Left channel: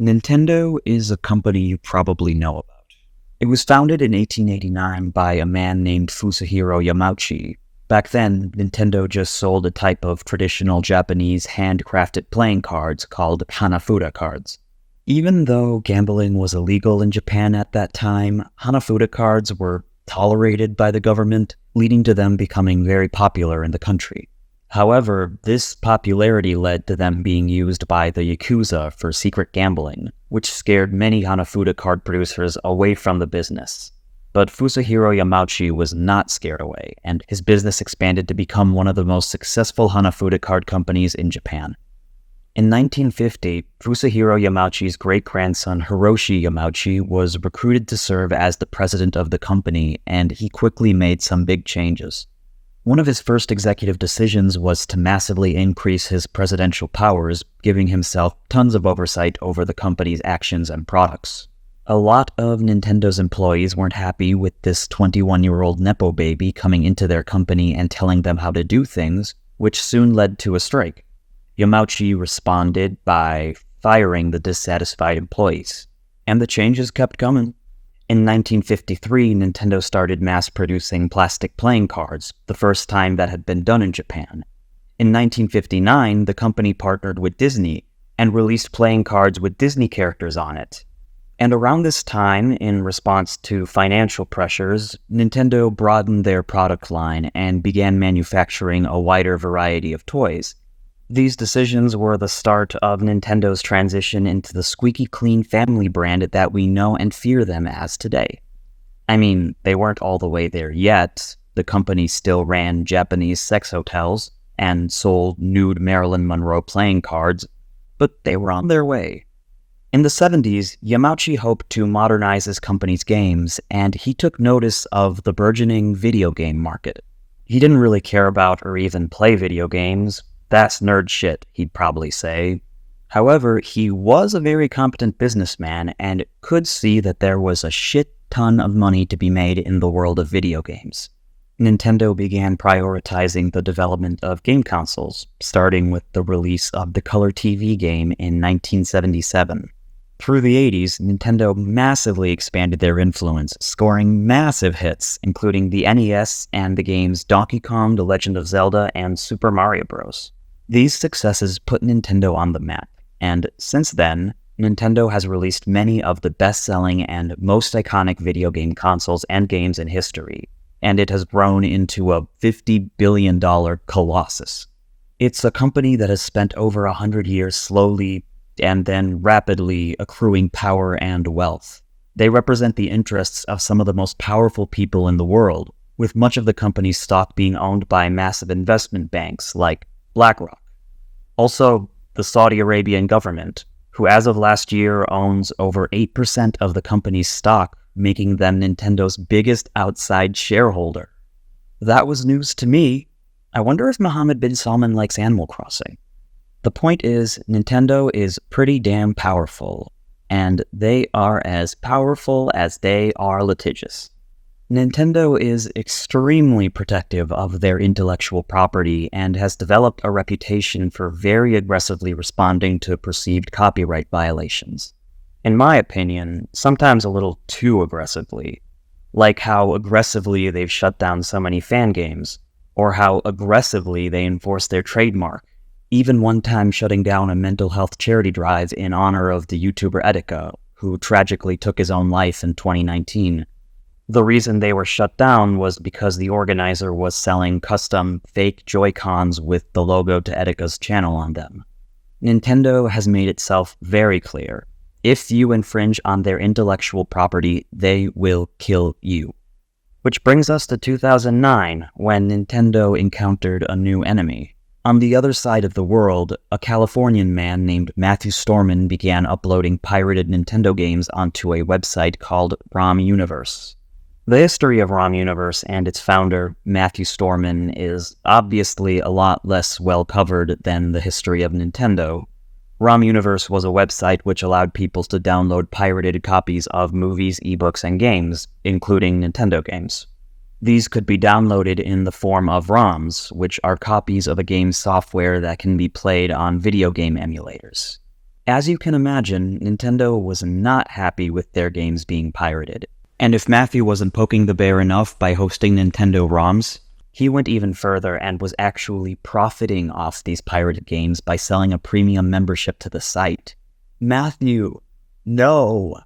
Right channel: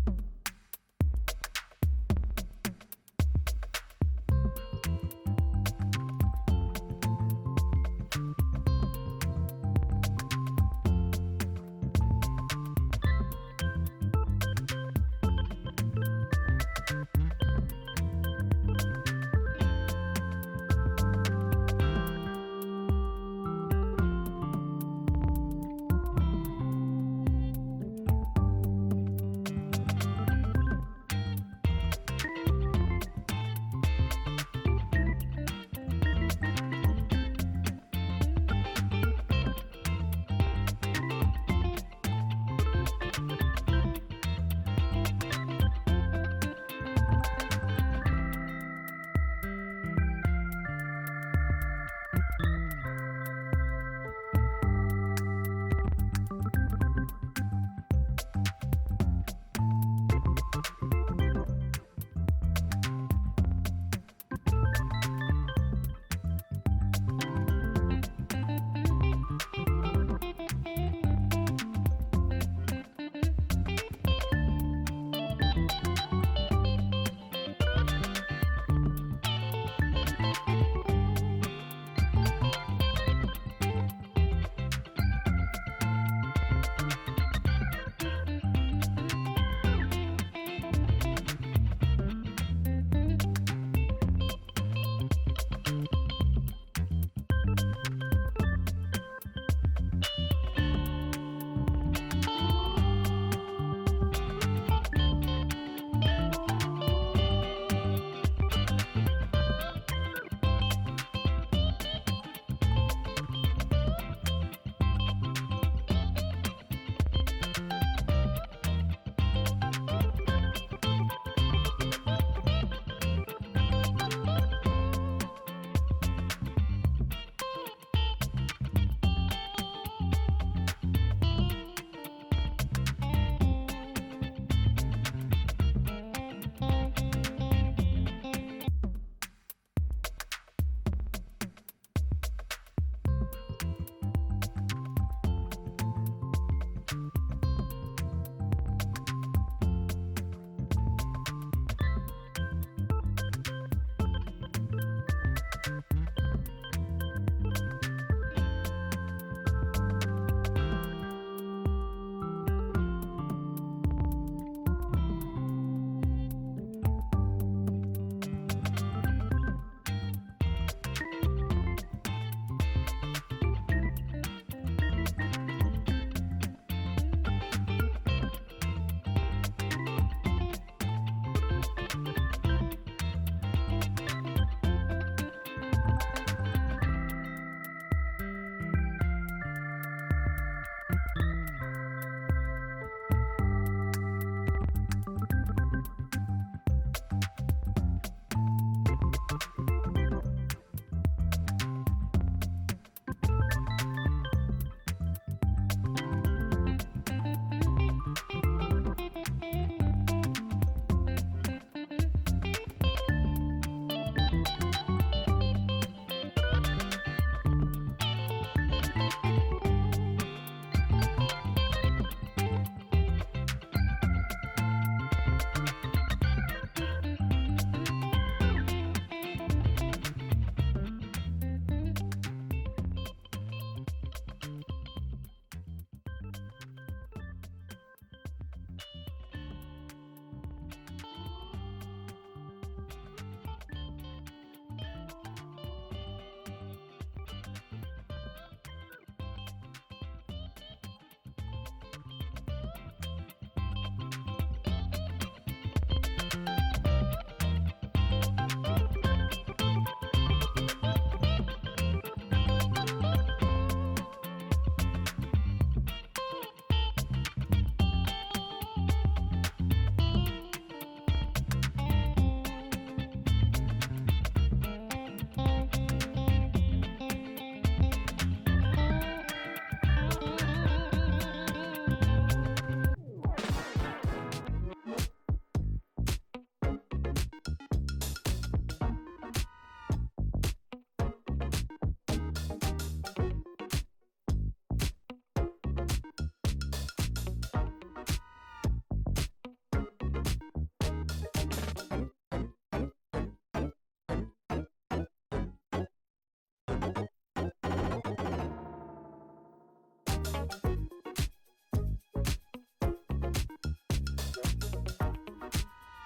Nintendo is a company you probably know about. It was founded in 1889 by a man named Fusahiro Yamauchi. Back then, Nintendo just sold a type of traditional Japanese handcrafted playing cards called Hanafuda cards. Even though gambling was illegal in Japan at that time, Hanafuda cards were tolerated by the government, leading to them becoming very popular in the country. However, this popularity led to them being used by the Yakuza for secret gambling, which scared many Hanafuda card producers away from the business. But Fusahiro Yamauchi was not scared away, and his business expanded to become one of the most successful Hanafuda card companies in Japan. In 1950, Fusahiro Yamauchi's great-grandson Hiroshi Yamauchi was recruited to serve as the president of the company, and he quickly made some big changes. One of his first executive decisions was to massively increase his presidential powers, giving himself tons of oversight over the company's actions and products. A lot of Nintendo's employees weren't happy with this 21-year-old Nepo baby coming into their company and telling them how to do things, which soon led to a strike. Yamauchi responded by firing the dissatisfied employees, and the changes kept coming. In 1953, Nintendo started mass-producing plastic playing cards, the first time that had been done in Japan. In 1959, the company partnered with Disney and released playing cards with Disney characters on it. And around this time, in response to financial pressures, Nintendo broadened their product line and began manufacturing a wider variety of toys. These decisions were the start of Nintendo's transition into the squeaky clean family brand that we know and fear them as today. I mean, they weren't all the way there yet. The company still ran Japanese sex hotels and sold nude Marilyn Monroe playing cards, but they were on their way. In the 70s, Yamauchi hoped to modernize his company's games, and he took notice of the burgeoning video game market. He didn't really care about or even play video games. That's nerd shit, he'd probably say. However, he was a very competent businessman and could see that there was a shit ton of money to be made in the world of video games. Nintendo began prioritizing the development of game consoles, starting with the release of the Color TV game in 1977. Through the 80s, Nintendo massively expanded their influence, scoring massive hits, including the NES and the games Donkey Kong, The Legend of Zelda, and Super Mario Bros. These successes put Nintendo on the map, and since then, Nintendo has released many of the best-selling and most iconic video game consoles and games in history, and it has grown into a $50 billion colossus. It's a company that has spent over 100 years slowly and then rapidly accruing power and wealth. They represent the interests of some of the most powerful people in the world, with much of the company's stock being owned by massive investment banks like BlackRock. Also, the Saudi Arabian government, who as of last year owns over 8% of the company's stock, making them Nintendo's biggest outside shareholder. That was news to me. I wonder if Mohammed bin Salman likes Animal Crossing. The point is, Nintendo is pretty damn powerful, and they are as powerful as they are litigious. Nintendo is extremely protective of their intellectual property and has developed a reputation for very aggressively responding to perceived copyright violations. In my opinion, sometimes a little too aggressively. Like how aggressively they've shut down so many fan games, or how aggressively they enforce their trademark, even one time shutting down a mental health charity drive in honor of the YouTuber Etika, who tragically took his own life in 2019. The reason they were shut down was because the organizer was selling custom fake Joy-Cons with the logo to Etika's channel on them. Nintendo has made itself very clear. If you infringe on their intellectual property, they will kill you. Which brings us to 2009, when Nintendo encountered a new enemy. On the other side of the world, a Californian man named Matthew Storman began uploading pirated Nintendo games onto a website called ROMUniverse. The history of ROMUniverse and its founder, Matthew Storman, is obviously a lot less well covered than the history of Nintendo. ROMUniverse was a website which allowed people to download pirated copies of movies, ebooks, and games, including Nintendo games. These could be downloaded in the form of ROMs, which are copies of a game's software that can be played on video game emulators. As you can imagine, Nintendo was not happy with their games being pirated. And if Matthew wasn't poking the bear enough by hosting Nintendo ROMs, he went even further and was actually profiting off these pirated games by selling a premium membership to the site. Matthew, no!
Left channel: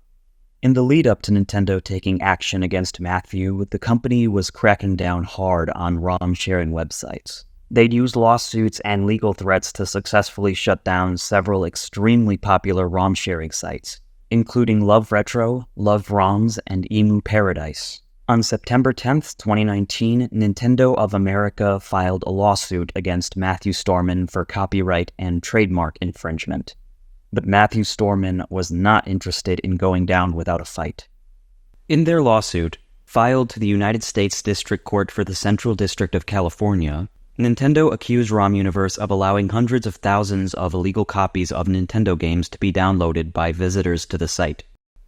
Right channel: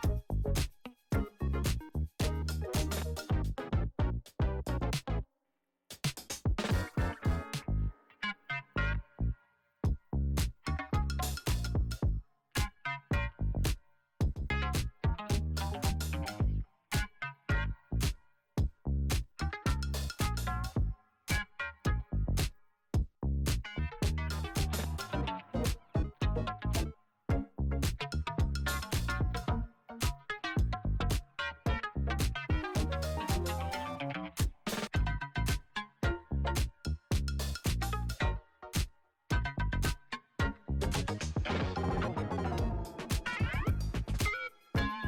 In the lead up to Nintendo taking action against Matthew, the company was cracking down hard on ROM sharing websites. They'd used lawsuits and legal threats to successfully shut down several extremely popular ROM sharing sites, including Love Retro, Love ROMs, and Emu Paradise. On September 10th, 2019, Nintendo of America filed a lawsuit against Matthew Storman for copyright and trademark infringement. But Matthew Storman was not interested in going down without a fight. In their lawsuit, filed to the United States District Court for the Central District of California, Nintendo accused ROMUniverse of allowing hundreds of thousands of illegal copies of Nintendo games to be downloaded by visitors to the site,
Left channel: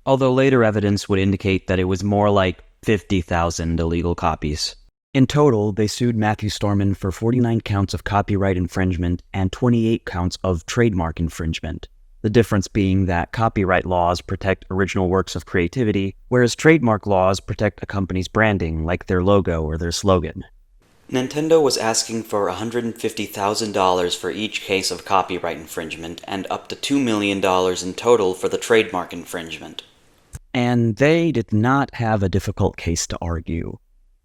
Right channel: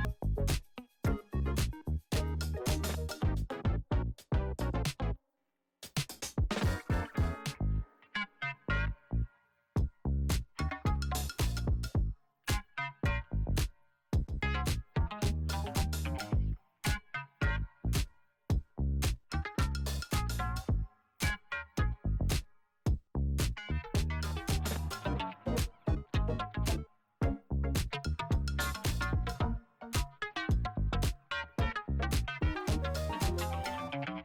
although later evidence would indicate that it was more like 50,000 illegal copies. In total, they sued Matthew Storman for 49 counts of copyright infringement and 28 counts of trademark infringement. The difference being that copyright laws protect original works of creativity, whereas trademark laws protect a company's branding, like their logo or their slogan. Nintendo was asking for $150,000 for each case of copyright infringement and up to $2 million in total for the trademark infringement. And they did not have a difficult case to argue.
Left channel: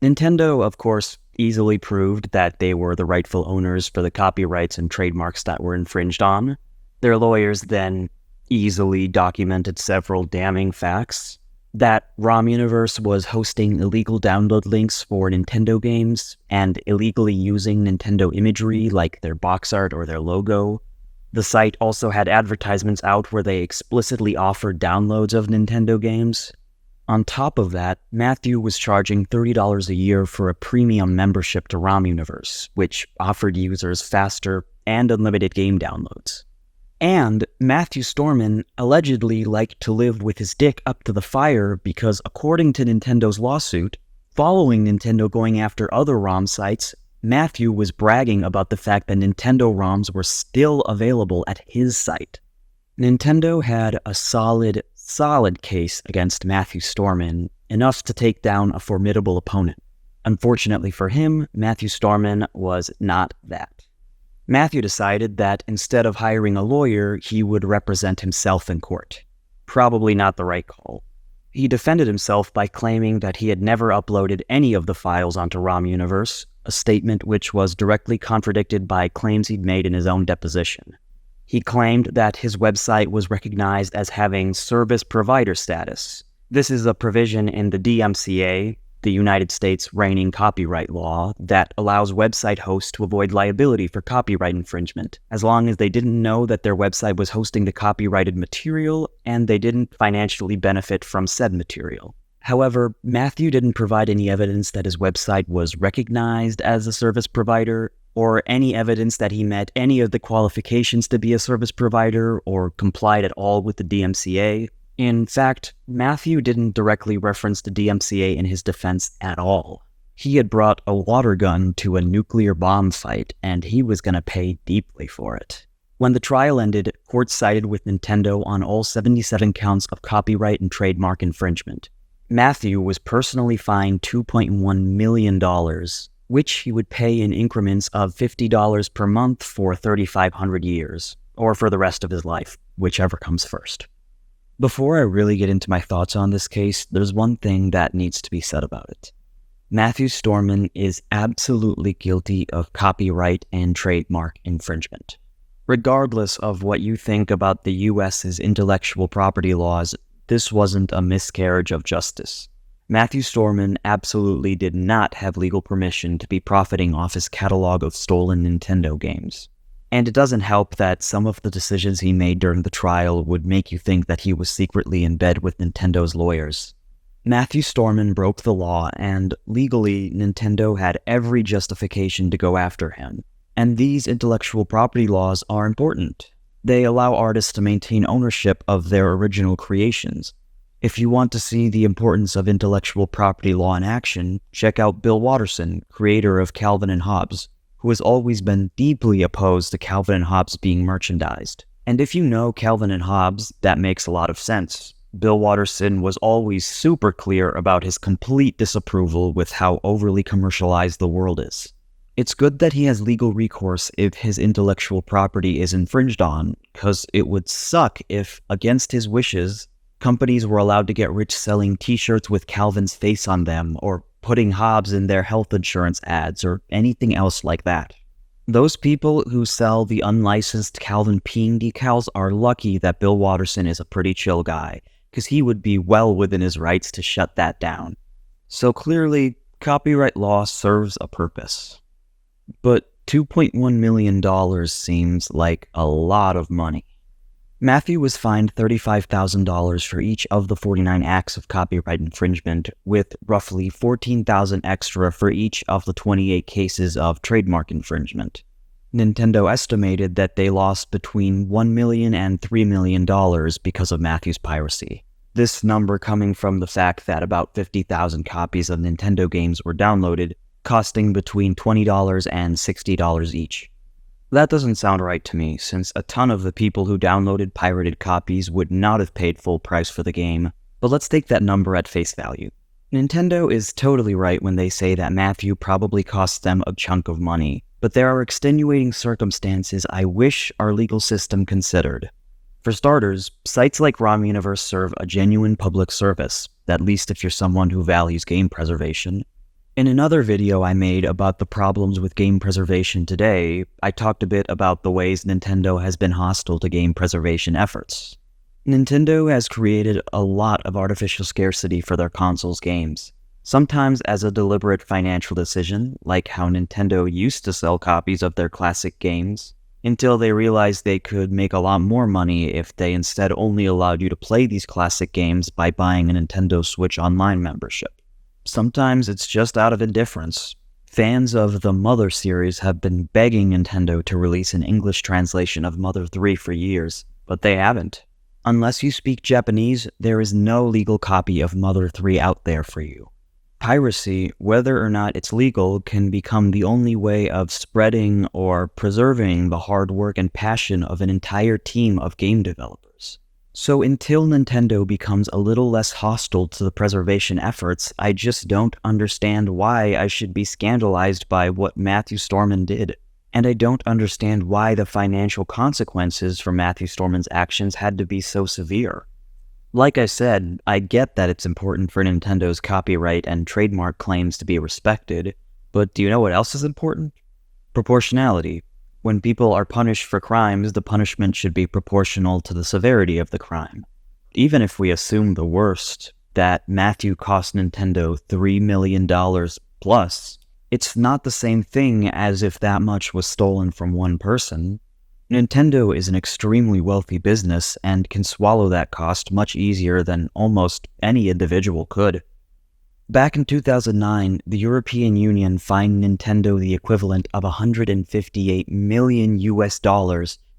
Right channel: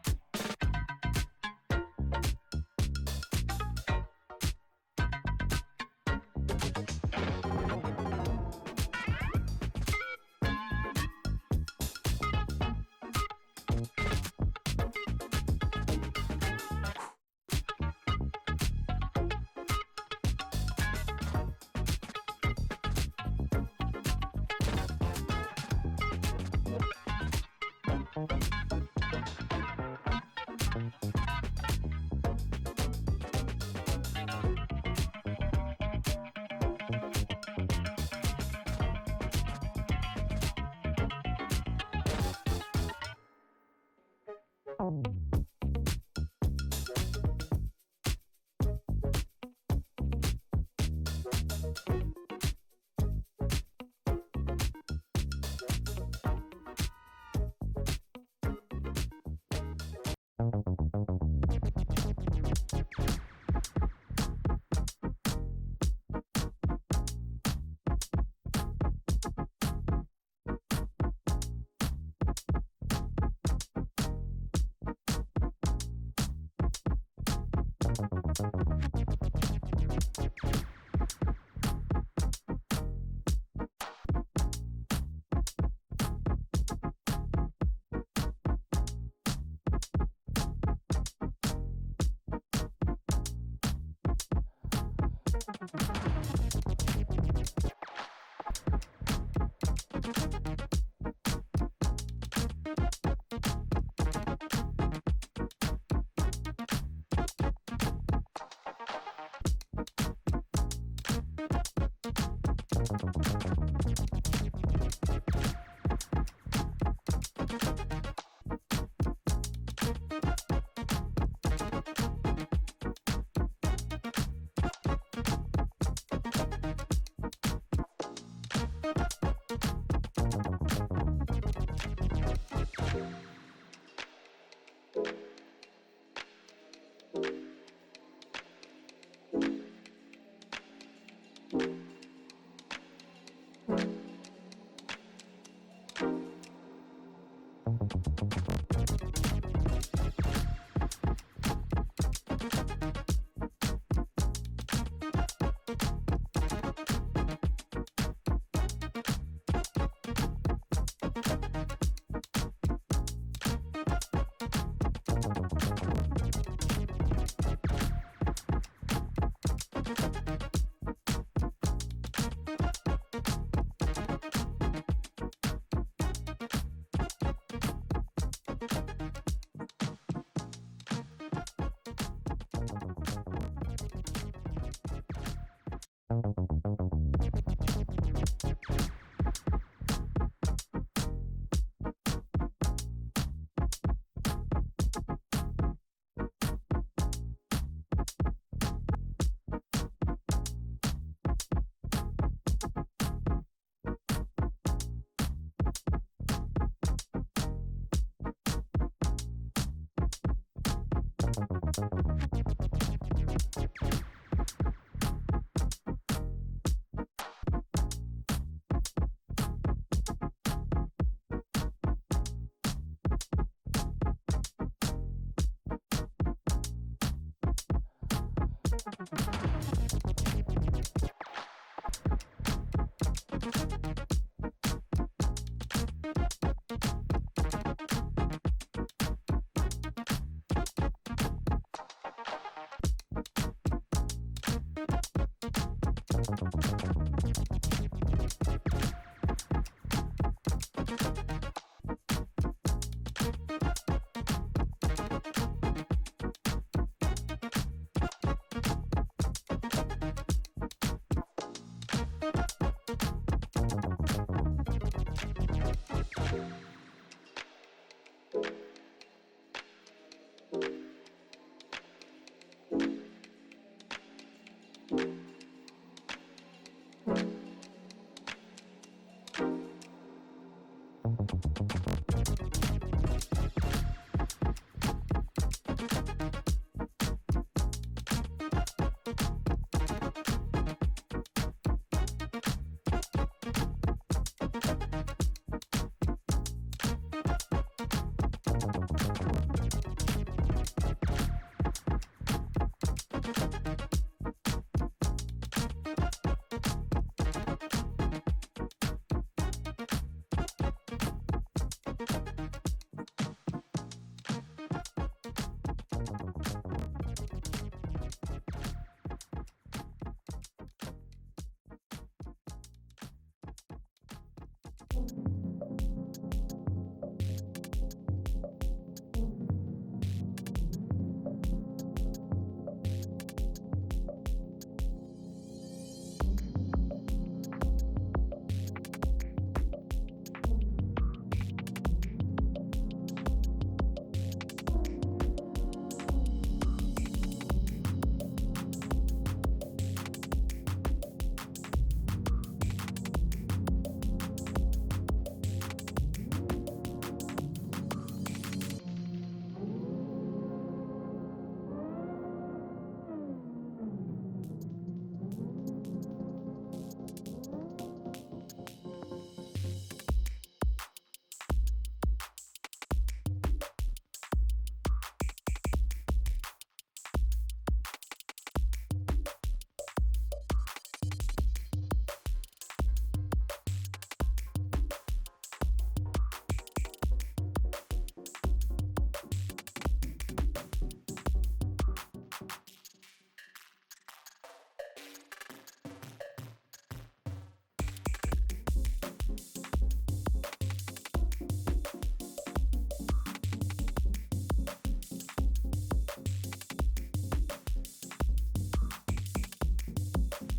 Nintendo, of course, easily proved that they were the rightful owners for the copyrights and trademarks that were infringed on. Their lawyers then easily documented several damning facts. That ROMUniverse was hosting illegal download links for Nintendo games and illegally using Nintendo imagery like their box art or their logo. The site also had advertisements out where they explicitly offered downloads of Nintendo games. On top of that, Matthew was charging $30 a year for a premium membership to ROMUniverse, which offered users faster and unlimited game downloads. And Matthew Storman allegedly liked to live with his dick up to the fire because, according to Nintendo's lawsuit, following Nintendo going after other ROM sites, Matthew was bragging about the fact that Nintendo ROMs were still available at his site. Nintendo had a solid case against Matthew Storman, enough to take down a formidable opponent. Unfortunately for him, Matthew Storman was not that. Matthew decided that instead of hiring a lawyer, he would represent himself in court. Probably not the right call. He defended himself by claiming that he had never uploaded any of the files onto ROMUniverse, a statement which was directly contradicted by claims he'd made in his own deposition. He claimed that his website was recognized as having service provider status. This is a provision in the DMCA, the United States reigning copyright law, that allows website hosts to avoid liability for copyright infringement, as long as they didn't know that their website was hosting the copyrighted material and they didn't financially benefit from said material. However, Matthew didn't provide any evidence that his website was recognized as a service provider, or any evidence that he met any of the qualifications to be a service provider or complied at all with the DMCA. In fact, Matthew didn't directly reference the DMCA in his defense at all. He had brought a water gun to a nuclear bomb fight, and he was gonna pay deeply for it. When the trial ended, court sided with Nintendo on all 77 counts of copyright and trademark infringement. Matthew was personally fined $2.1 million, which he would pay in increments of $50 per month for 3,500 years, or for the rest of his life, whichever comes first. Before I really get into my thoughts on this case, there's one thing that needs to be said about it. Matthew Storman is absolutely guilty of copyright and trademark infringement. Regardless of what you think about the US's intellectual property laws, this wasn't a miscarriage of justice. Matthew Storman absolutely did not have legal permission to be profiting off his catalog of stolen Nintendo games. And it doesn't help that some of the decisions he made during the trial would make you think that he was secretly in bed with Nintendo's lawyers. Matthew Storman broke the law, and legally, Nintendo had every justification to go after him. And these intellectual property laws are important. They allow artists to maintain ownership of their original creations. If you want to see the importance of intellectual property law in action, check out Bill Watterson, creator of Calvin and Hobbes, who has always been deeply opposed to Calvin and Hobbes being merchandised. And if you know Calvin and Hobbes, that makes a lot of sense. Bill Watterson was always super clear about his complete disapproval with how overly commercialized the world is. It's good that he has legal recourse if his intellectual property is infringed on, because it would suck if, against his wishes, companies were allowed to get rich selling t-shirts with Calvin's face on them, or putting Hobbes in their health insurance ads, or anything else like that. Those people who sell the unlicensed Calvin peeing decals are lucky that Bill Watterson is a pretty chill guy, because he would be well within his rights to shut that down. So clearly, copyright law serves a purpose. But $2.1 million seems like a lot of money. Matthew was fined $35,000 for each of the 49 acts of copyright infringement, with roughly $14,000 extra for each of the 28 cases of trademark infringement. Nintendo estimated that they lost between $1 million and $3 million because of Matthew's piracy. This number coming from the fact that about 50,000 copies of Nintendo games were downloaded, costing between $20 and $60 each. That doesn't sound right to me, since a ton of the people who downloaded pirated copies would not have paid full price for the game, but let's take that number at face value. Nintendo is totally right when they say that Matthew probably cost them a chunk of money, but there are extenuating circumstances I wish our legal system considered. For starters, sites like ROMUniverse serve a genuine public service, at least if you're someone who values game preservation. In another video I made about the problems with game preservation today, I talked a bit about the ways Nintendo has been hostile to game preservation efforts. Nintendo has created a lot of artificial scarcity for their consoles' games, sometimes as a deliberate financial decision, like how Nintendo used to sell copies of their classic games, until they realized they could make a lot more money if they instead only allowed you to play these classic games by buying a Nintendo Switch Online membership. Sometimes it's just out of indifference. Fans of the Mother series have been begging Nintendo to release an English translation of Mother 3 for years, but they haven't. Unless you speak Japanese, there is no legal copy of Mother 3 out there for you. Piracy, whether or not it's legal, can become the only way of spreading or preserving the hard work and passion of an entire team of game developers. So until Nintendo becomes a little less hostile to the preservation efforts, I just don't understand why I should be scandalized by what Matthew Storman did. And I don't understand why the financial consequences for Matthew Storman's actions had to be so severe. Like I said, I get that it's important for Nintendo's copyright and trademark claims to be respected, but do you know what else is important? Proportionality. When people are punished for crimes, the punishment should be proportional to the severity of the crime. Even if we assume the worst, that Matthew cost Nintendo $3 million plus, it's not the same thing as if that much was stolen from one person. Nintendo is an extremely wealthy business and can swallow that cost much easier than almost any individual could. Back in 2009, the European Union fined Nintendo the equivalent of $158 million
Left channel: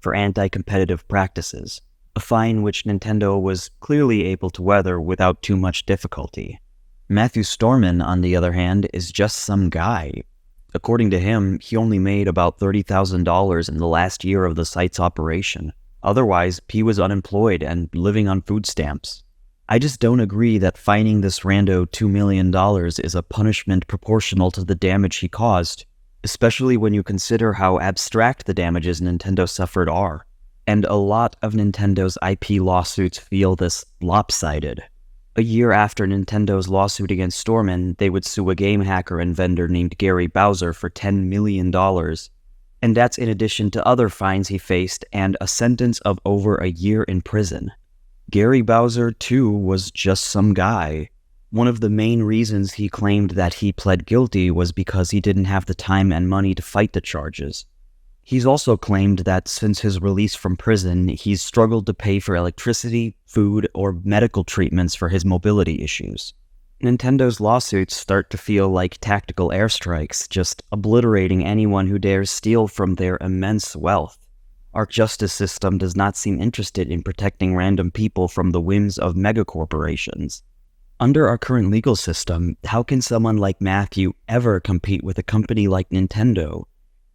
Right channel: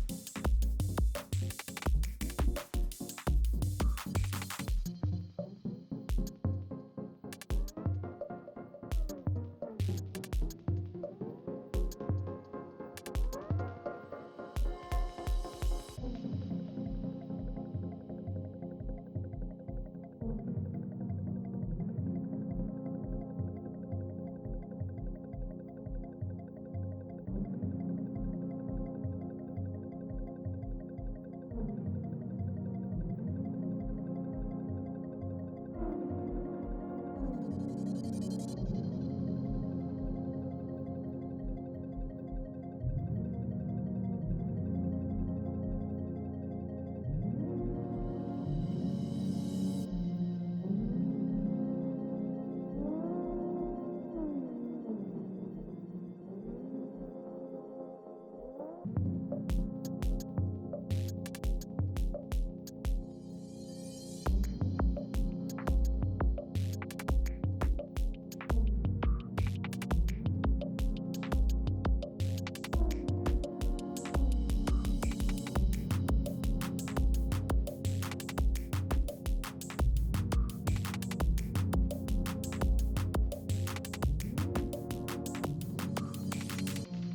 for anti-competitive practices, a fine which Nintendo was clearly able to weather without too much difficulty. Matthew Storman, on the other hand, is just some guy. According to him, he only made about $30,000 in the last year of the site's operation. Otherwise, he was unemployed and living on food stamps. I just don't agree that fining this rando $2 million is a punishment proportional to the damage he caused, especially when you consider how abstract the damages Nintendo suffered are. And a lot of Nintendo's IP lawsuits feel this lopsided. A year after Nintendo's lawsuit against Storman, they would sue a game hacker and vendor named Gary Bowser for $10 million. And that's in addition to other fines he faced and a sentence of over a year in prison. Gary Bowser, too, was just some guy. One of the main reasons he claimed that he pled guilty was because he didn't have the time and money to fight the charges. He's also claimed that since his release from prison, he's struggled to pay for electricity, food, or medical treatments for his mobility issues. Nintendo's lawsuits start to feel like tactical airstrikes, just obliterating anyone who dares steal from their immense wealth. Our justice system does not seem interested in protecting random people from the whims of megacorporations. Under our current legal system, how can someone like Matthew ever compete with a company like Nintendo?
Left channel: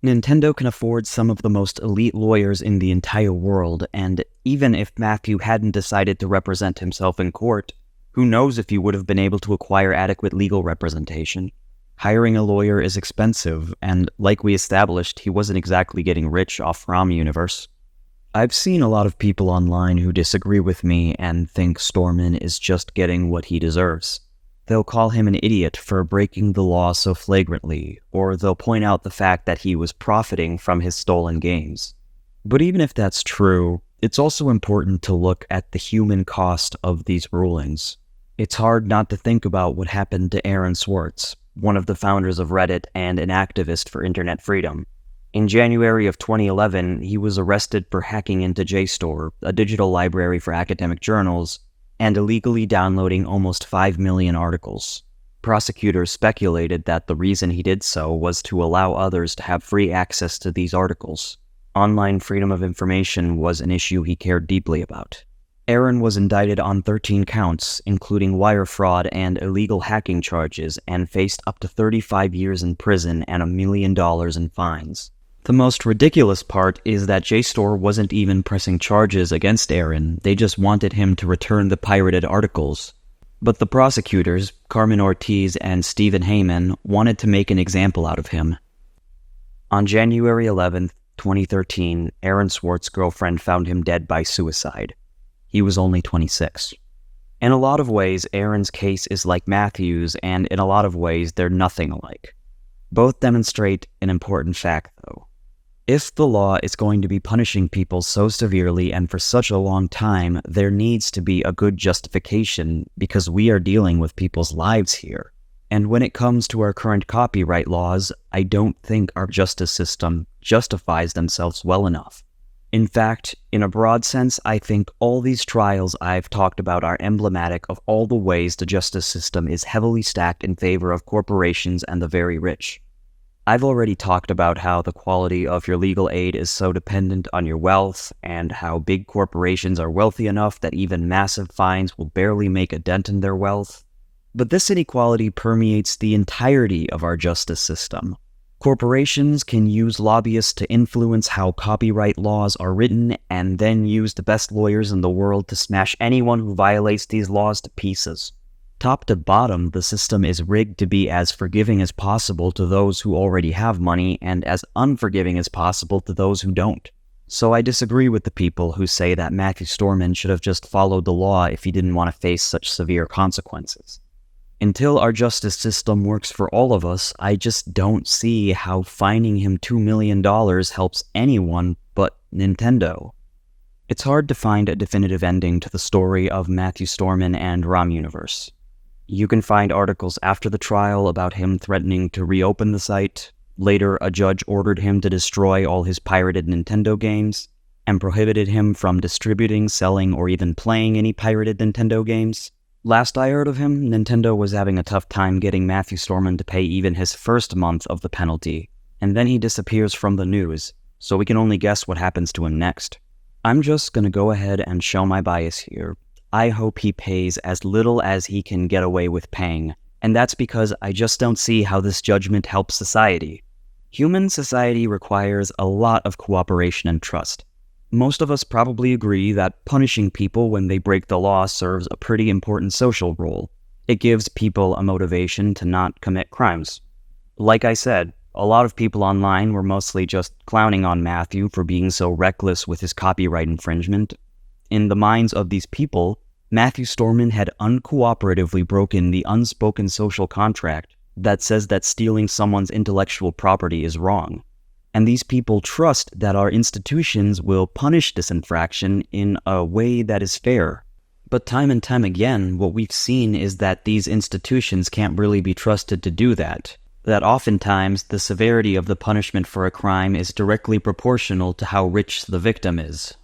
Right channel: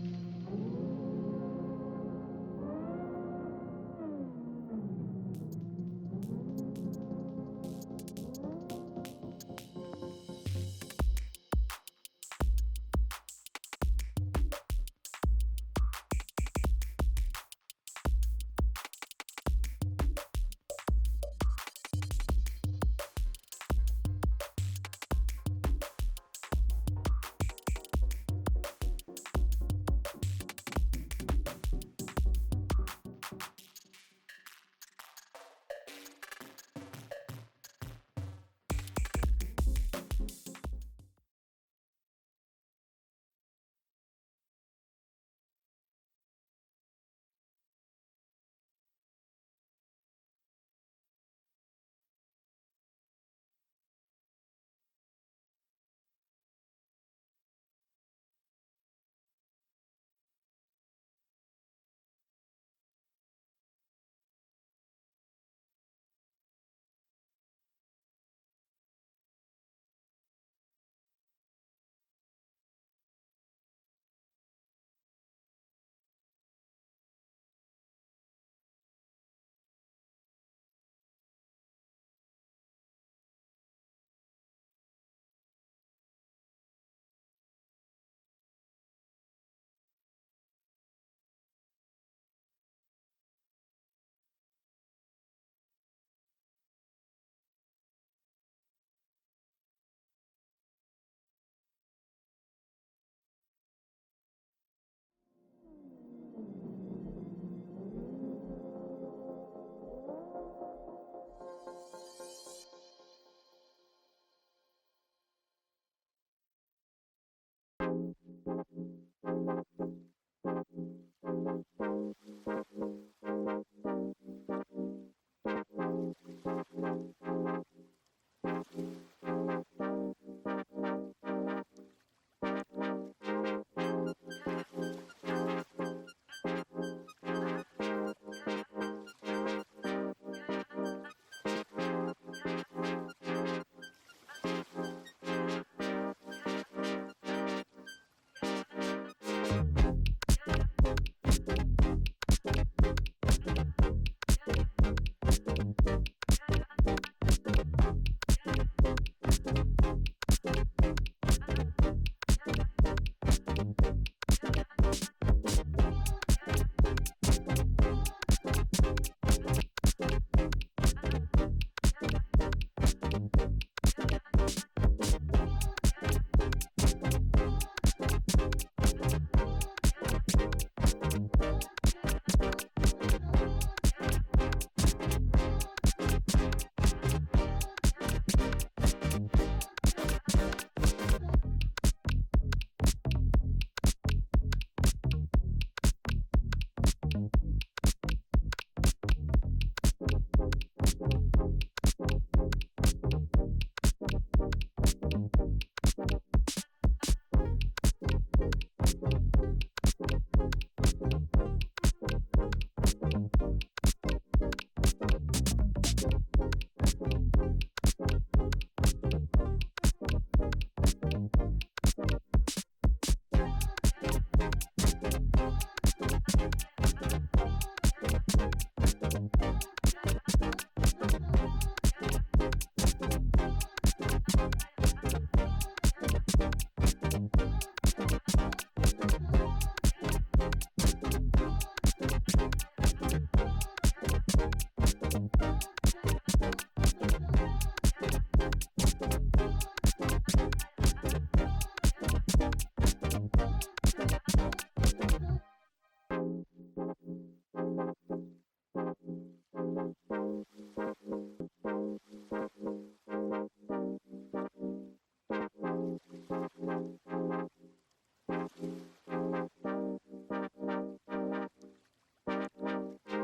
Nintendo can afford some of the most elite lawyers in the entire world, and even if Matthew hadn't decided to represent himself in court, who knows if he would have been able to acquire adequate legal representation. Hiring a lawyer is expensive, and like we established, he wasn't exactly getting rich off ROMUniverse. I've seen a lot of people online who disagree with me and think Stormin is just getting what he deserves. They'll call him an idiot for breaking the law so flagrantly, or they'll point out the fact that he was profiting from his stolen games. But even if that's true, it's also important to look at the human cost of these rulings. It's hard not to think about what happened to Aaron Swartz, one of the founders of Reddit and an activist for internet freedom. In January of 2011, he was arrested for hacking into JSTOR, a digital library for academic journals, and illegally downloading almost 5 million articles. Prosecutors speculated that the reason he did so was to allow others to have free access to these articles. Online freedom of information was an issue he cared deeply about. Aaron was indicted on 13 counts, including wire fraud and illegal hacking charges, and faced up to 35 years in prison and $1 million in fines. The most ridiculous part is that JSTOR wasn't even pressing charges against Aaron, they just wanted him to return the pirated articles. But the prosecutors, Carmen Ortiz and Stephen Heyman, wanted to make an example out of him. On January 11, 2013, Aaron Swartz's girlfriend found him dead by suicide. He was only 26. In a lot of ways, Aaron's case is like Matthew's, and in a lot of ways, they're nothing alike. Both demonstrate an important fact, though. If the law is going to be punishing people so severely and for such a long time, there needs to be a good justification because we are dealing with people's lives here. And when it comes to our current copyright laws, I don't think our justice system justifies themselves well enough. In fact, in a broad sense, I think all these trials I've talked about are emblematic of all the ways the justice system is heavily stacked in favor of corporations and the very rich. I've already talked about how the quality of your legal aid is so dependent on your wealth, and how big corporations are wealthy enough that even massive fines will barely make a dent in their wealth. But this inequality permeates the entirety of our justice system. Corporations can use lobbyists to influence how copyright laws are written, and then use the best lawyers in the world to smash anyone who violates these laws to pieces. Top to bottom, the system is rigged to be as forgiving as possible to those who already have money, and as unforgiving as possible to those who don't. So I disagree with the people who say that Matthew Stormin should have just followed the law if he didn't want to face such severe consequences. Until our justice system works for all of us, I just don't see how fining him $2 million helps anyone but Nintendo. It's hard to find a definitive ending to the story of Matthew Stormin and ROMUniverse. You can find articles after the trial about him threatening to reopen the site. Later, a judge ordered him to destroy all his pirated Nintendo games, and prohibited him from distributing, selling, or even playing any pirated Nintendo games. Last I heard of him, Nintendo was having a tough time getting Matthew Stormin to pay even his first month of the penalty, and then he disappears from the news, so we can only guess what happens to him next. I'm just gonna go ahead and show my bias here. I hope he pays as little as he can get away with paying, and that's because I just don't see how this judgment helps society. Human society requires a lot of cooperation and trust. Most of us probably agree that punishing people when they break the law serves a pretty important social role. It gives people a motivation to not commit crimes. Like I said, a lot of people online were mostly just clowning on Matthew for being so reckless with his copyright infringement. In the minds of these people, Matthew Stormin had uncooperatively broken the unspoken social contract that says that stealing someone's intellectual property is wrong. And these people trust that our institutions will punish this infraction in a way that is fair. But time and time again, what we've seen is that these institutions can't really be trusted to do that. That oftentimes, the severity of the punishment for a crime is directly proportional to how rich the victim is.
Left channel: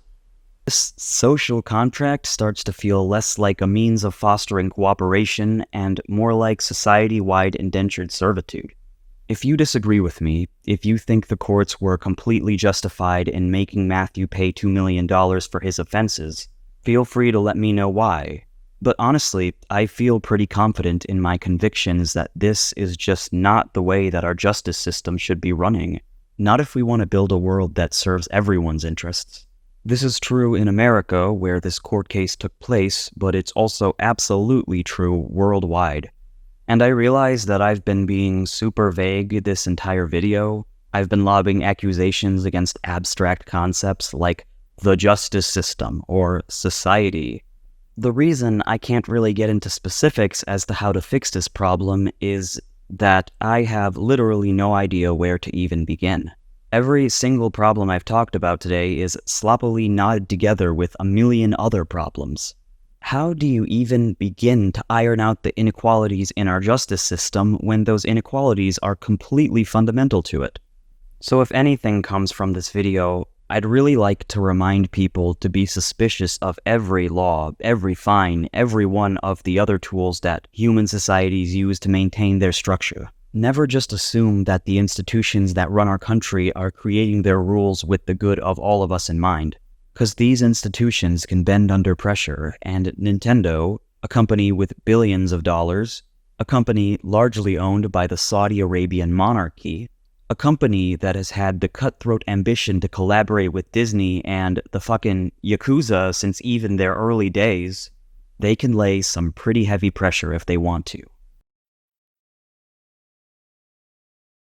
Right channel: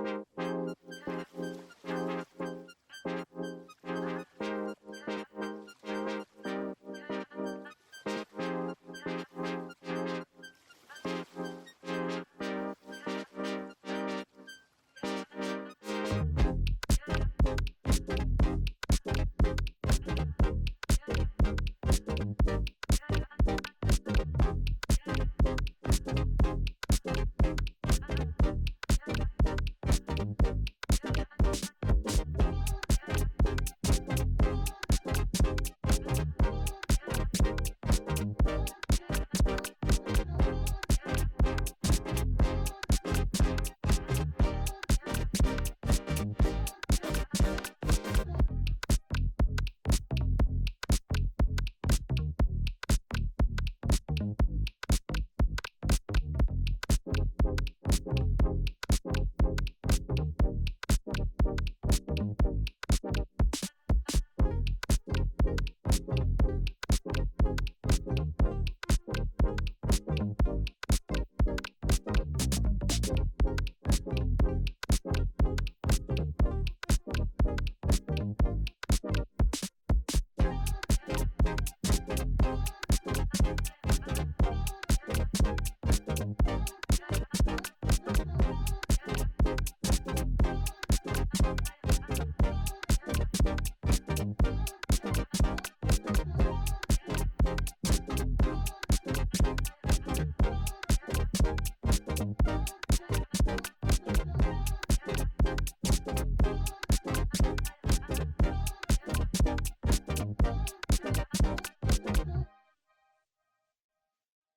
This social contract starts to feel less like a means of fostering cooperation and more like society-wide indentured servitude. If you disagree with me, if you think the courts were completely justified in making Matthew pay $2 million for his offenses, feel free to let me know why. But honestly, I feel pretty confident in my convictions that this is just not the way that our justice system should be running. Not if we want to build a world that serves everyone's interests. This is true in America, where this court case took place, but it's also absolutely true worldwide. And I realize that I've been being super vague this entire video. I've been lobbing accusations against abstract concepts like the justice system or society. The reason I can't really get into specifics as to how to fix this problem is that I have literally no idea where to even begin. Every single problem I've talked about today is sloppily knotted together with a million other problems. How do you even begin to iron out the inequalities in our justice system when those inequalities are completely fundamental to it? So if anything comes from this video, I'd really like to remind people to be suspicious of every law, every fine, every one of the other tools that human societies use to maintain their structure. Never just assume that the institutions that run our country are creating their rules with the good of all of us in mind. Because these institutions can bend under pressure, and Nintendo, a company with billions of dollars, a company largely owned by the Saudi Arabian monarchy, a company that has had the cutthroat ambition to collaborate with Disney and the fucking Yakuza since even their early days, they can lay some pretty heavy pressure if they want to.